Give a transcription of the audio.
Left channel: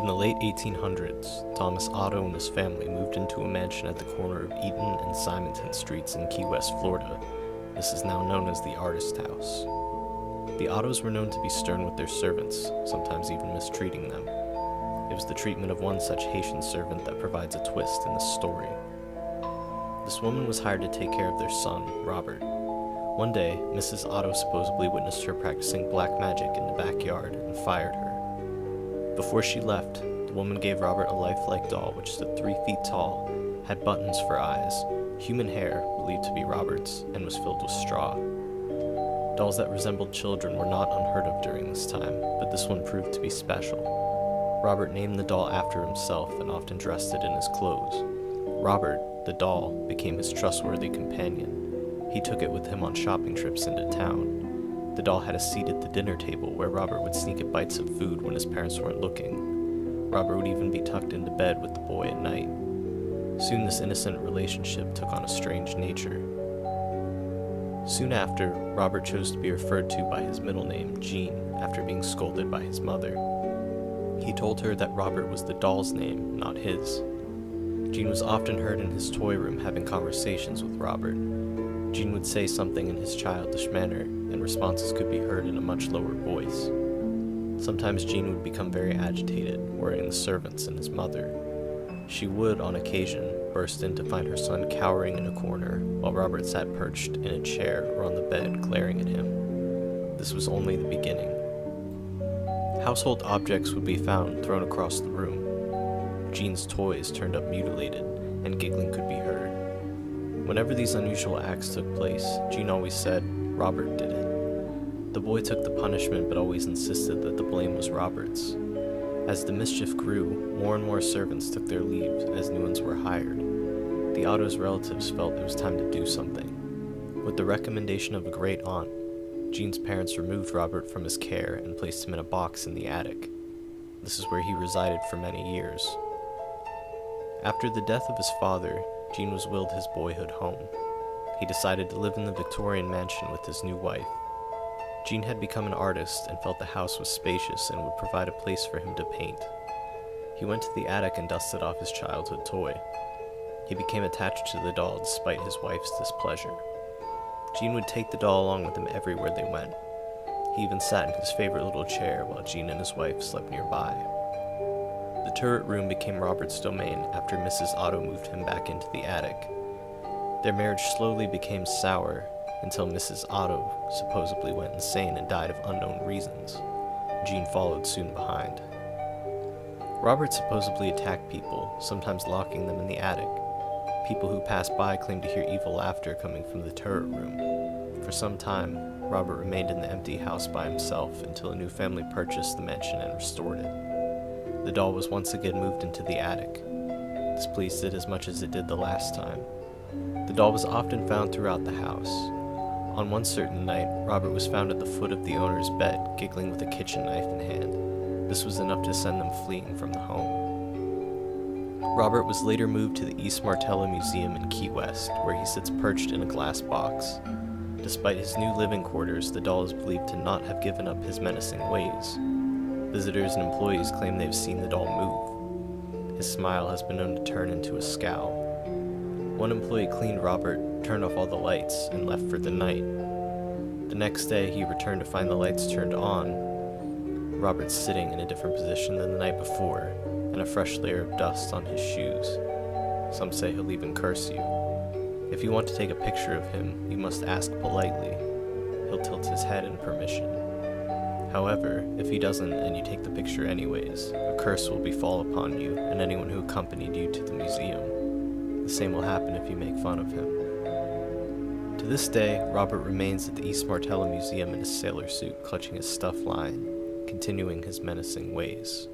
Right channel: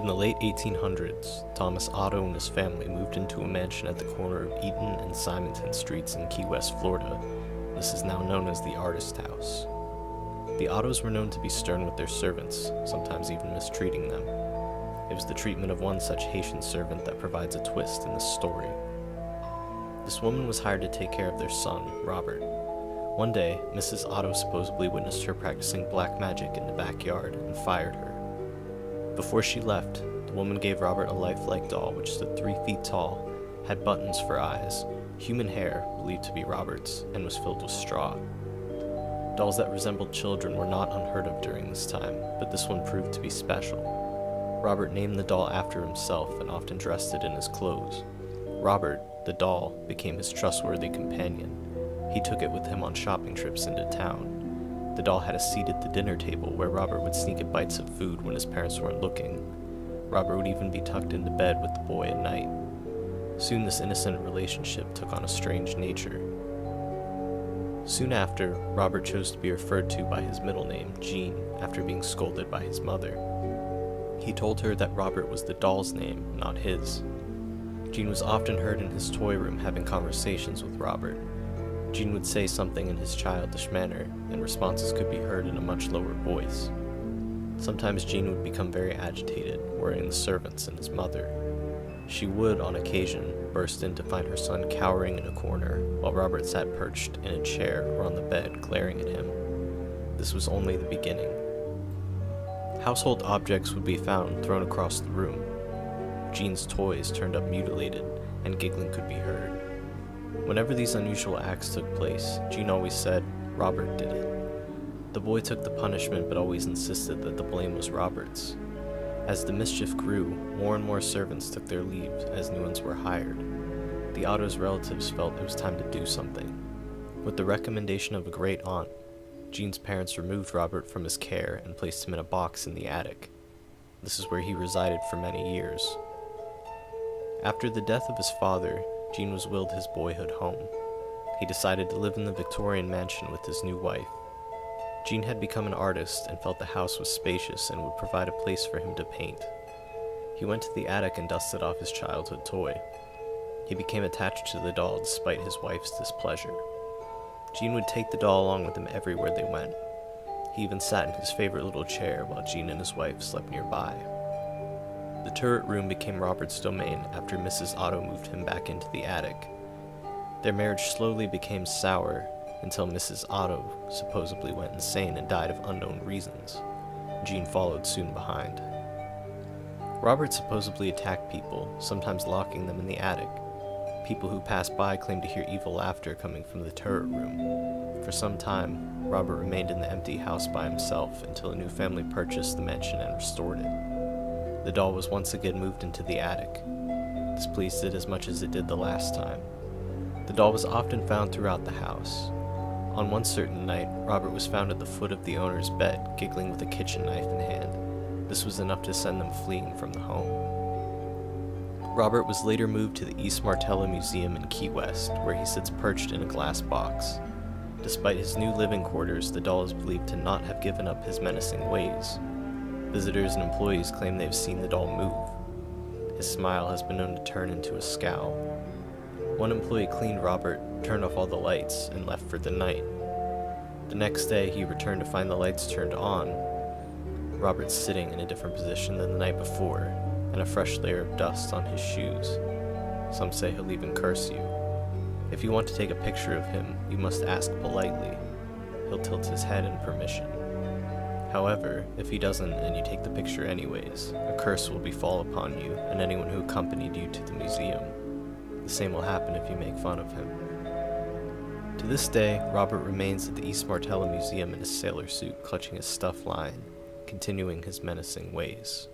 In the late 1800s, Thomas Otto and his family moved into a mansion at the corner of Eaton and Simonton Streets in Key West, Florida. This is now known as the Artist House. The Ottos were known to be stern with their servants, sometimes even mistreating them. It was the treatment of one such Haitian servant that provides a twist in this story. This woman was hired to take care of their son, Robert. One day, Mrs. Otto supposedly witnessed her practicing black magic in the backyard and fired her. Before she left, the woman gave Robert a lifelike doll which stood 3 feet tall, had buttons for eyes, human hair, believed to be Robert's, and was filled with straw. Dolls that resembled children were not unheard of during this time, but this one proved to be special. Robert named the doll after himself and often dressed it in his clothes. Robert, the doll, became his trustworthy companion. He took it with him on shopping trips into town. The doll had a seat at the dinner table where Robert would sneak at bites of food when his parents weren't looking. Robert would even be tucked into bed with the boy at night. Soon this innocent relationship took on a strange nature. Soon after, Robert chose to be referred to by his middle name, Jean, after being scolded by his mother. He told her that Robert was the doll's name, not his. Jean was often heard in his toy room having conversations with Robert. Jean would say something in his childish manner, and responses could be heard in a much lower voice. Sometimes Jean would become very agitated, worrying the servants and his mother. She would, on occasion, burst in to find her son cowering in a corner, while Robert sat perched in a chair or on the bed, glaring at him. This was only the beginning. Household objects would be found thrown across the room. Jean's toys turned up mutilated, and giggling could be heard. Whenever these unusual acts took place, Jean always said, "Robert did it." The boy took the punishment but always insisted that the blame was Robert's. As the mischief grew, more and more servants took their leave as new ones were hired. The Otto's relatives felt it was time to do something. With the recommendation of a great aunt, Jean's parents removed Robert from his care and placed him in a box in the attic. This is where he resided for many years. After the death of his father, Jean was willed his boyhood home. He decided to live in the Victorian mansion with his new wife. Jean had become an artist and felt the house was spacious and would provide a place for him to paint. He went to the attic and dusted off his childhood toy. He became attached to the doll despite his wife's displeasure. Jean would take the doll along with him everywhere they went. He even sat in his favorite little chair while Jean and his wife slept nearby. The turret room became Robert's domain after Mrs. Otto moved him back into the attic. Their marriage slowly became sour until Mrs. Otto supposedly went insane and died of unknown reasons. Jean followed soon behind. Robert supposedly attacked people, sometimes locking them in the attic. People who passed by claimed to hear evil laughter coming from the turret room. For some time, Robert remained in the empty house by himself until a new family purchased the mansion and restored it. The doll was once again moved into the attic. This pleased it as much as it did the last time. The doll was often found throughout the house. On one certain night, Robert was found at the foot of the owner's bed, giggling with a kitchen knife in hand. This was enough to send them fleeing from the home. Robert was later moved to the East Martello Museum in Key West, where he sits perched in a glass box. Despite his new living quarters, the doll is believed to not have given up his menacing ways. Visitors and employees claim they've seen the doll move. His smile has been known to turn into a scowl. One employee cleaned Robert, turned off all the lights, and left for the night. The next day, he returned to find the lights turned on. Robert's sitting in a different position than the night before, and a fresh layer of dust on his shoes. Some say he'll even curse you. If you want to take a picture of him, you must ask politely. He'll tilt his head in permission. However, if he doesn't and you take the picture anyways, a curse will befall upon you and anyone who accompanied you to the museum. The same will happen if you make fun of him. To this day, Robert remains at the East Martello Museum in his sailor suit, clutching his stuffed lion, continuing his menacing ways.